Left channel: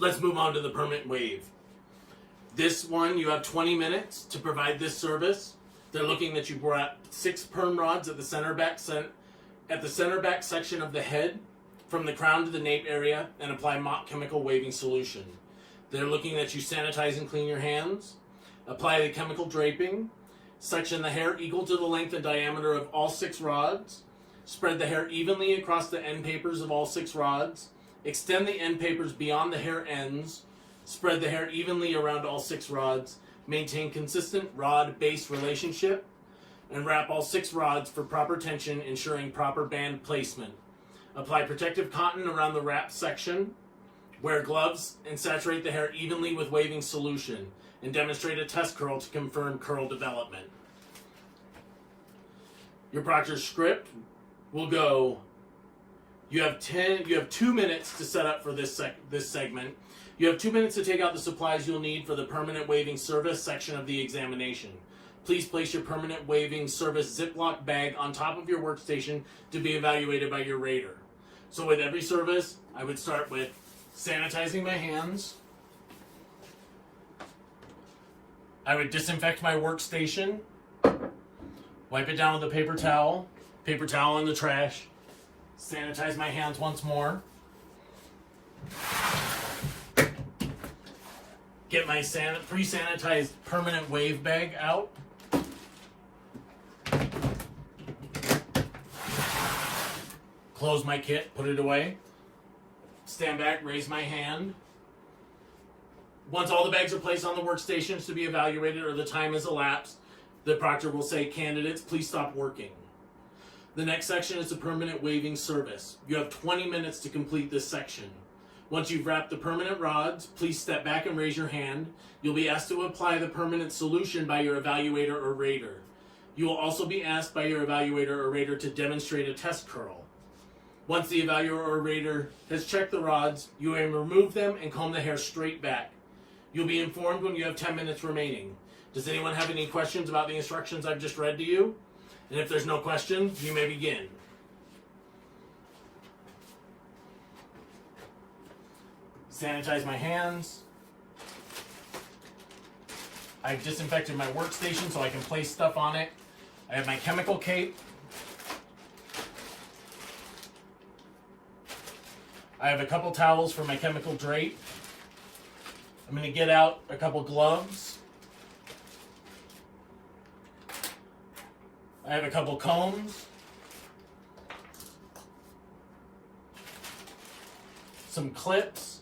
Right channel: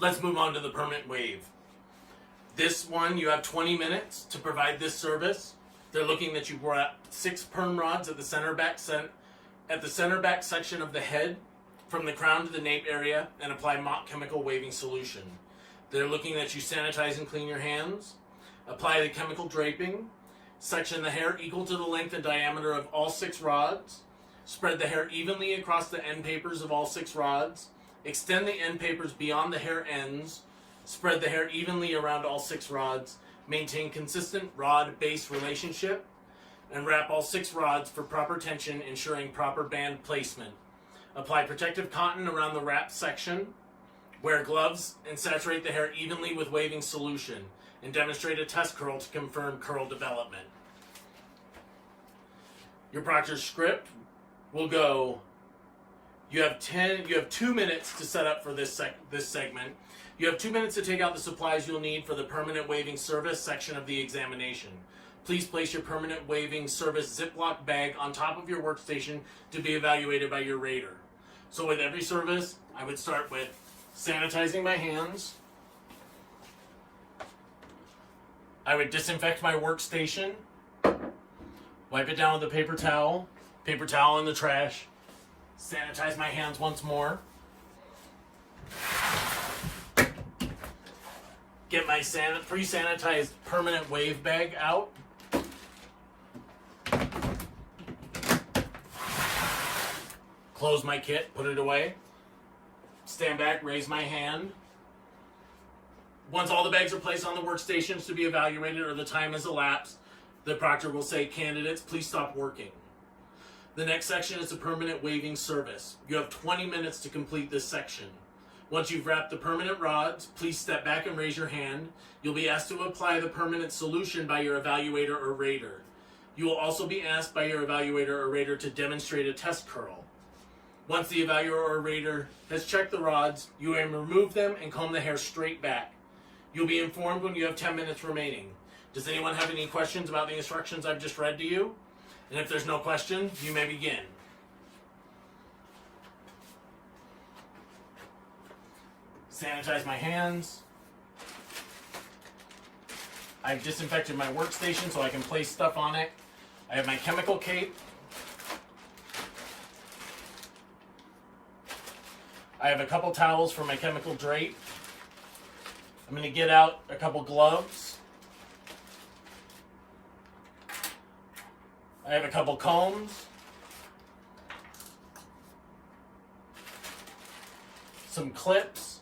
let's move on to the permanent wave. This one, you have 20 minutes to provide this service. They're looking that you wrap 6 perm rods at the center back section of the head, from the crown to the nape area, and apply mop chemical waving solution. They're looking that you sanitize and clean your hands, apply the chemical draping, section the hair equal to the length and diameter of all 6 rods, spread the hair evenly across the end papers of all 6 rods, extend the end papers beyond the hair ends, spread the hair evenly around all 6 rods, maintain consistent rod-base relationship, and wrap all 6 rods for proper tension, ensuring proper band placement. Apply protective cotton around the wrap section, wear gloves, and saturate the hair evenly with waving solution, and demonstrate a test curl to confirm curl development. Your proctor's script will go, you have 2 minutes to set up for this segment. You have 2 minutes to take out the supplies you'll need for the permanent waving service section of the examination. Please place your permanent waving service Ziploc bag on top of your workstation to be evaluated by your rater. So with every service, I would start with sanitizing my hands. I would disinfect my workstation, wipe it down with a paper towel in the trash, sanitize my hands once more, get my pre-sanitized permanent wave bag out, close my kit, put it away, stand back, raise my hand. Once all the bags are placed on the workstations to be evaluated or the time has elapsed, the proctor will say, "Candidates, please stop working." The next section is the permanent waving service. You have 20 minutes to complete this section. Once you've wrapped the permanent rods, please step back and raise your hand. You'll be asked to apply the permanent solution by your evaluator or rater. You will also be asked by your evaluator or rater to demonstrate a test curl. Once the evaluator or rater has checked the rods, you may remove them and comb the hair straight back. You'll be informed when you have 10 minutes remaining. Does anyone have any questions about the instructions I've just read to you? And if there's no question, you may begin. Sanitize my hands. I've disinfected my workstation so I can place stuff on it. I have my chemical cape. I have a couple towels for my chemical drape. I'm going to get out a couple gloves. I have a couple combs. Some clips.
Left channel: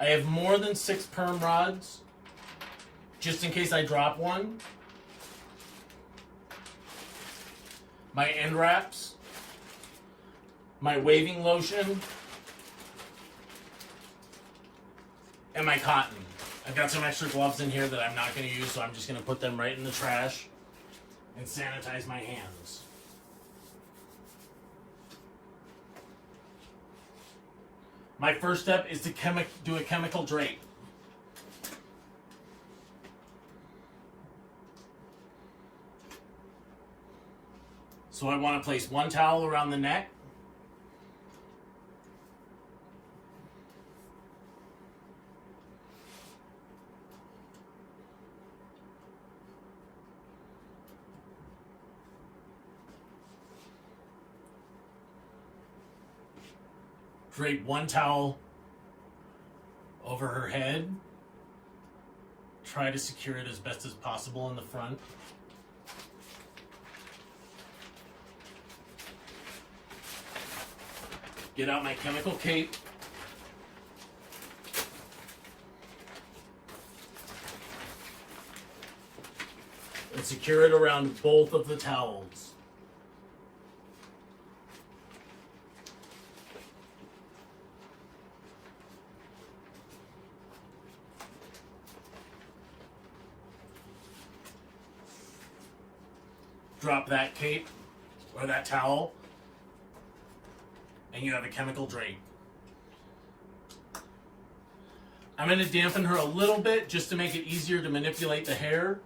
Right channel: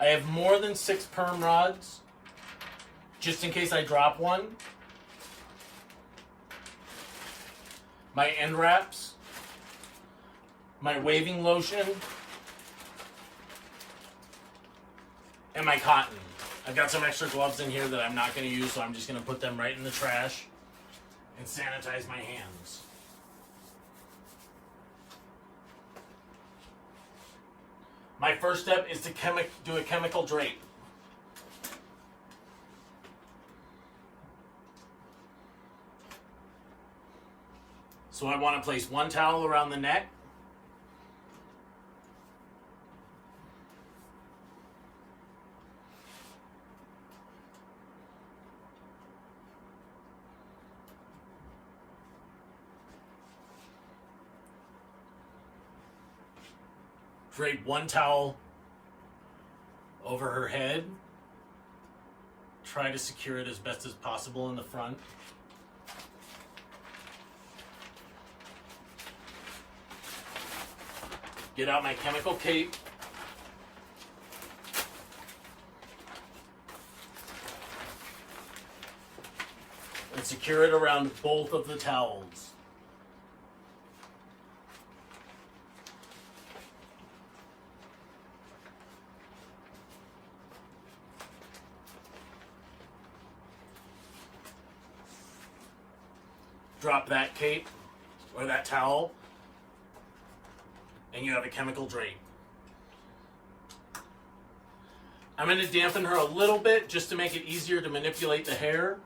I have more than 6 perm rods, just in case I drop one. My end wraps. My waving lotion. And my cotton. I've got some extra gloves in here that I'm not going to use, so I'm just going to put them right in the trash and sanitize my hands. My first step is to do a chemical drape. So I want to place one towel around the neck. Drape one towel over her head. Try to secure it as best as possible in the front. Get out my chemical cape. And secure it around both of the towels. Drop that cape or that towel, and you have a chemical drape. I'm going to dampen her a little bit just to make it easier to manipulate the hair.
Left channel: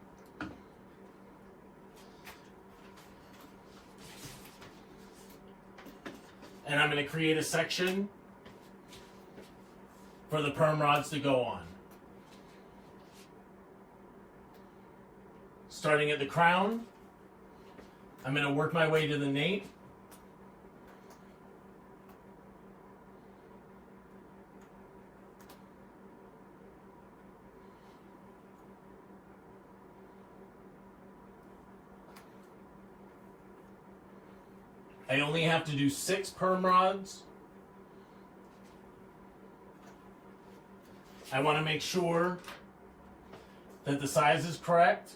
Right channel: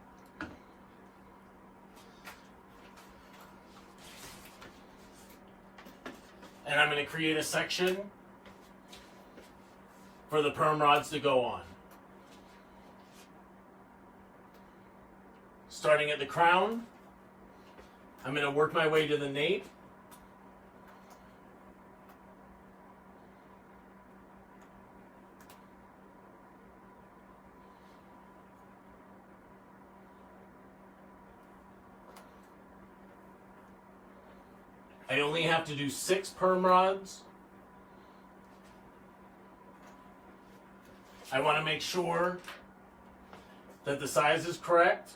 And I'm going to create a section for the perm rods to go on. Starting at the crown, I'm going to work my way to the nape. I only have to do 6 perm rods. I want to make sure that the size is correct.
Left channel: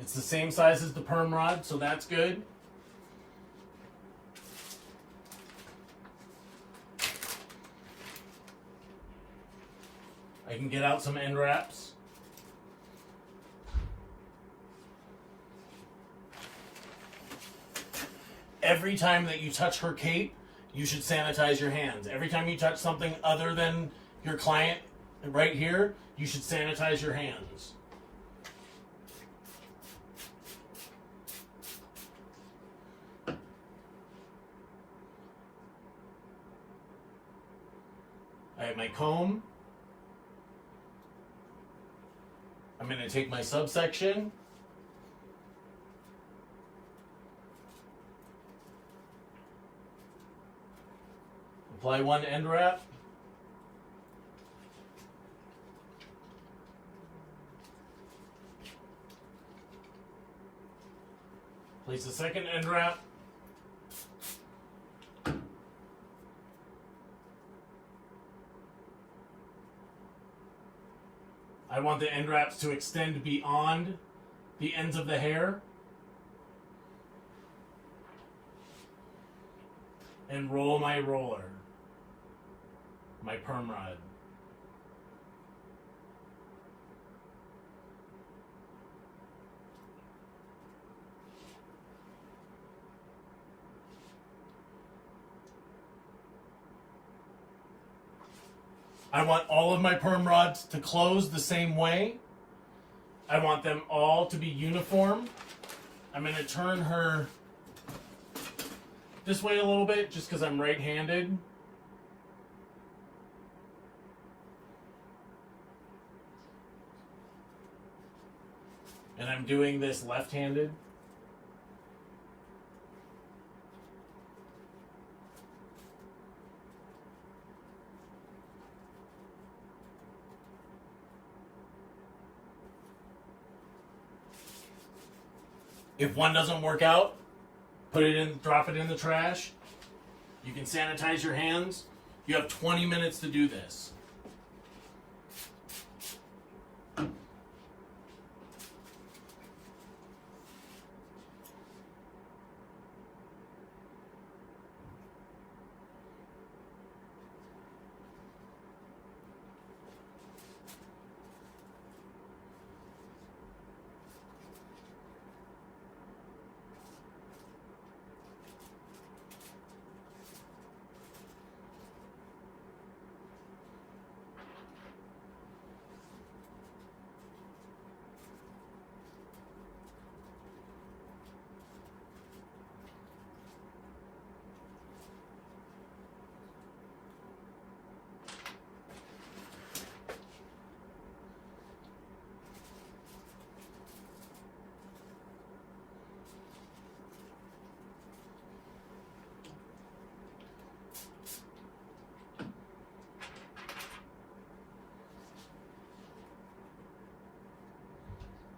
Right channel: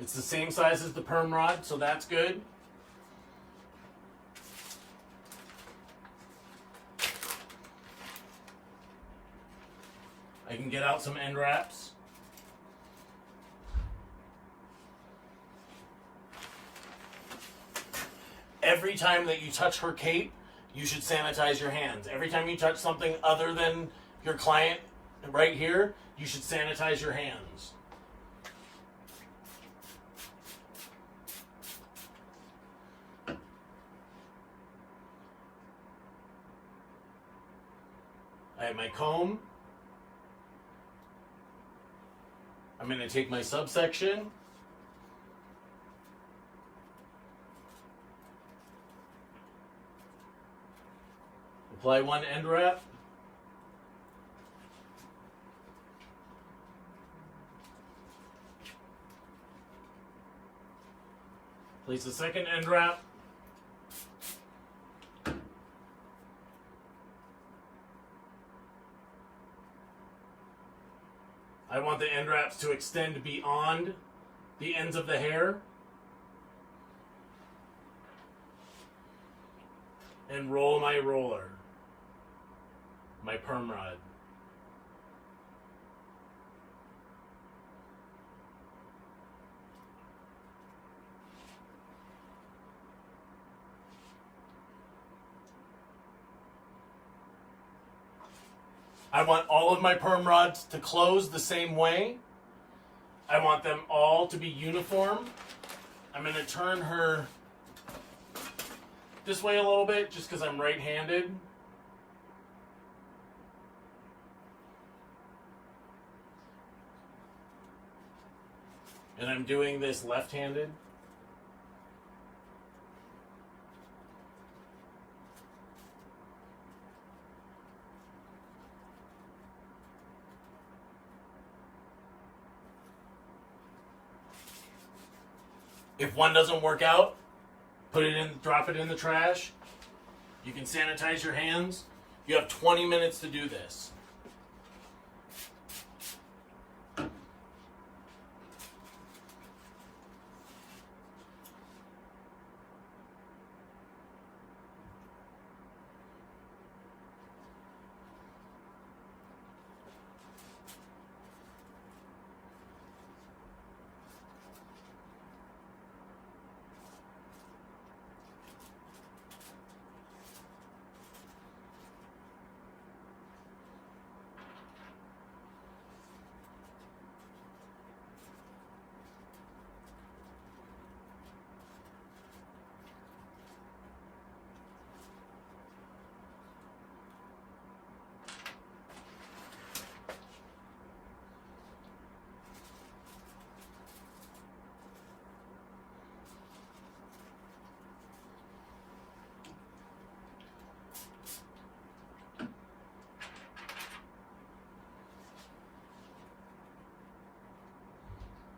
It's the same size as the perm rod, so that's good. I can get out some end wraps. Every time that you touch her cape, you should sanitize your hands. Every time you touch something other than your client right here, you should sanitize your hands. I have my comb. I'm going to take my subsection. Apply one end wrap. Place the second end wrap. I want the end wraps to extend beyond the ends of the hair. And roll my roller, my perm rod. I want all of my perm rods to close the same way. I want them all to be uniform. I'm going to turn her this way a little bit just because I'm right-handed. And I'm doing this left-handed. If one doesn't work out, drop it in the trash. You can sanitize your hands. You have 20 minutes to do this.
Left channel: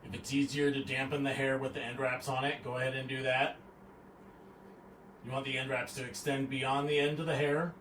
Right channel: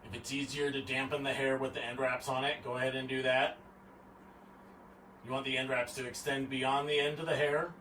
If it's easier to dampen the hair with the end wraps on it, go ahead and do that. You want the end wraps to extend beyond the end of the hair.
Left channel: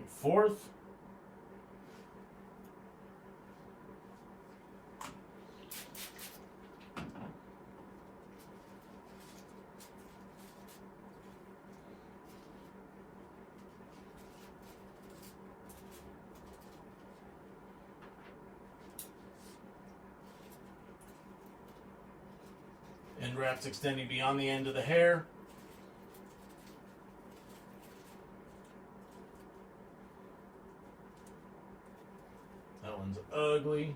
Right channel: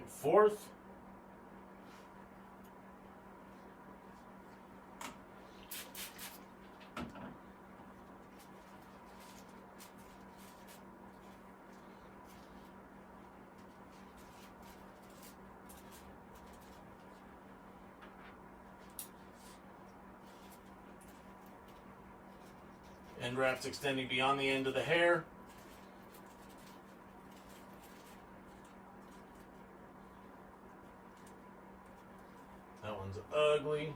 and forth. End wraps extending beyond the end of the hair. That one's ugly.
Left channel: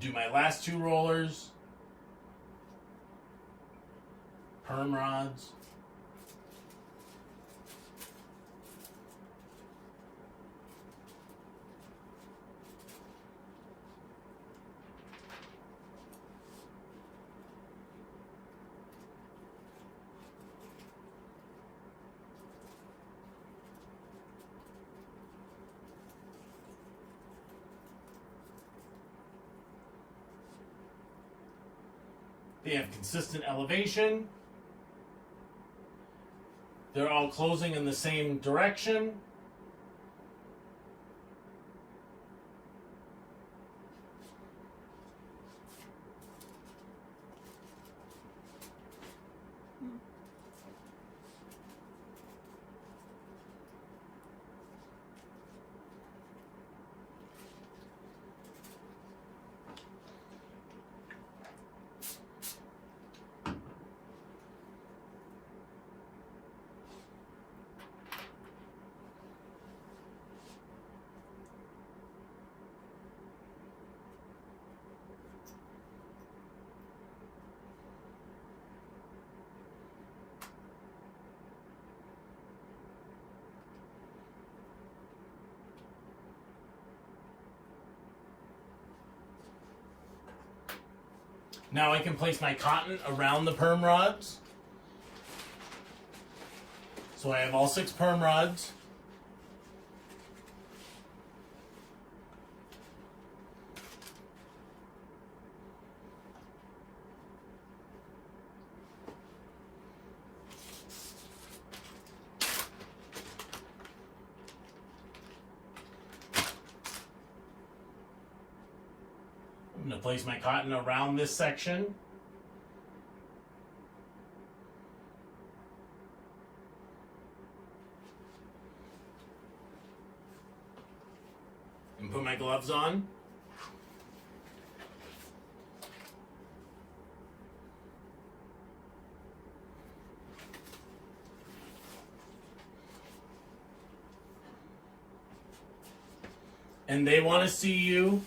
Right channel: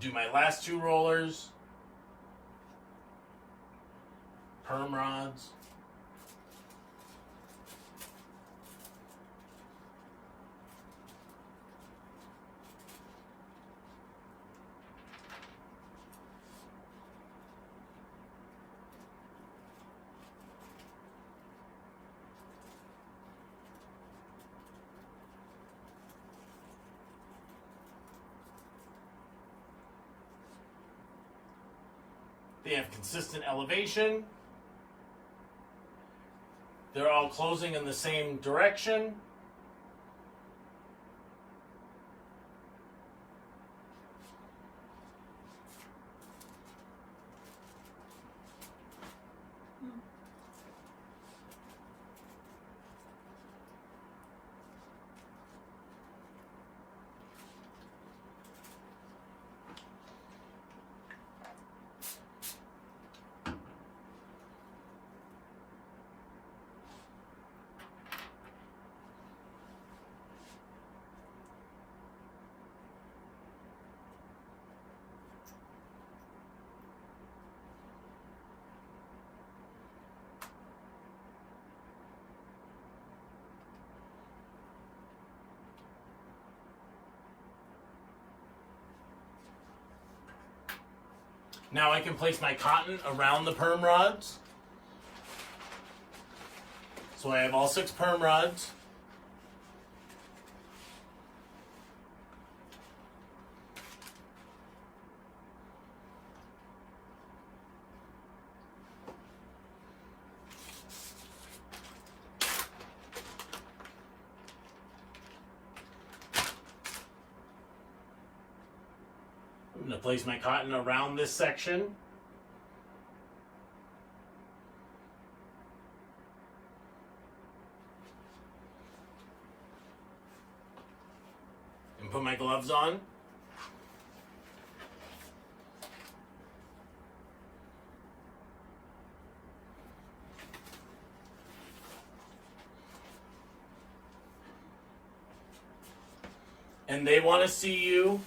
Do my last two rollers. Perm rods. They have consistent elevation. They're all closing in the same direction. Now I can place my cotton around the perm rods. So I have all 6 perm rods. I'm going to place my cotton around this section. And put my gloves on. And they want to see you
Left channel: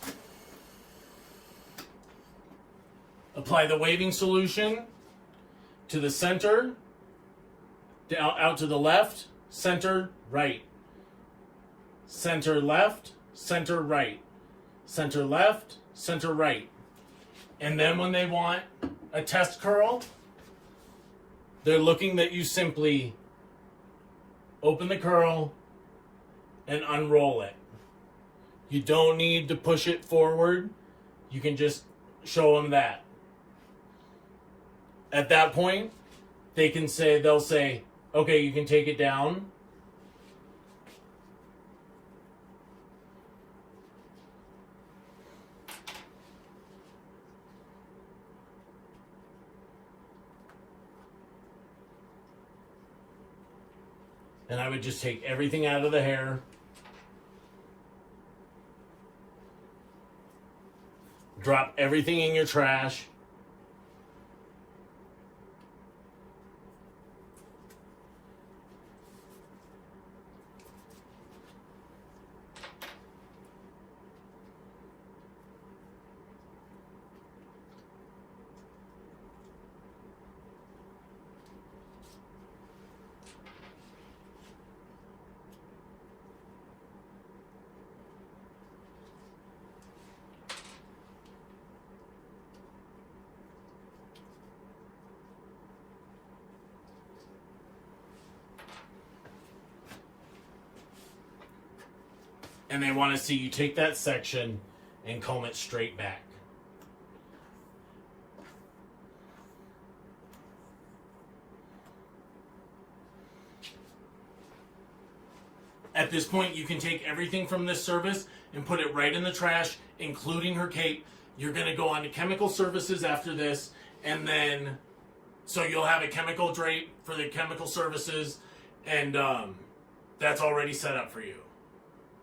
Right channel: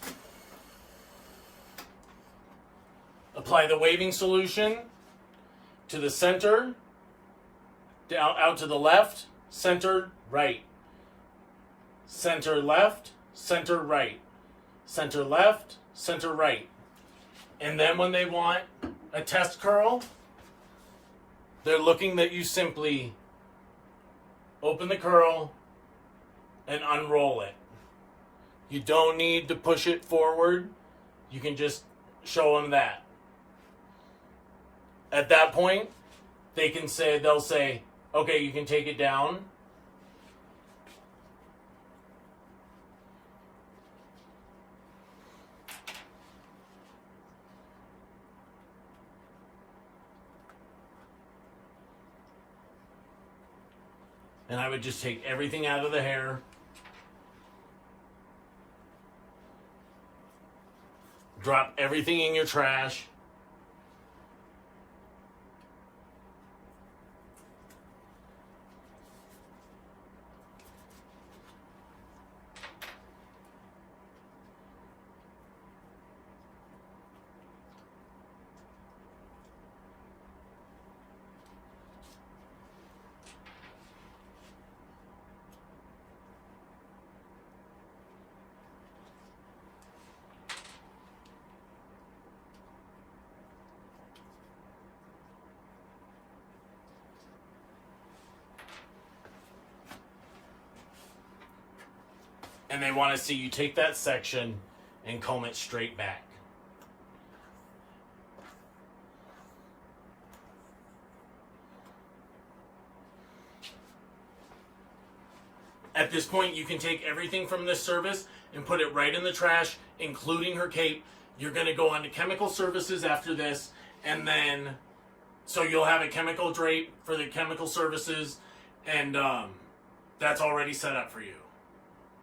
apply the waving solution to the center, down, out to the left, center, right. Center, left, center, right. Center, left, center, right. And then when they want a test curl, they're looking that you simply open the curl and unroll it. You don't need to push it forward. You can just show them that. At that point, they'll say, okay, you can take it down. And I would just take everything out of the hair. Drop everything in your trash. And they want to see you take that section and comb it straight back. At this point, you can take everything from this service and put it right in the trash, including her cape. You're going to go on to chemical services after this, and then so you'll have a chemical drape for the chemical services, and that's already set up for you.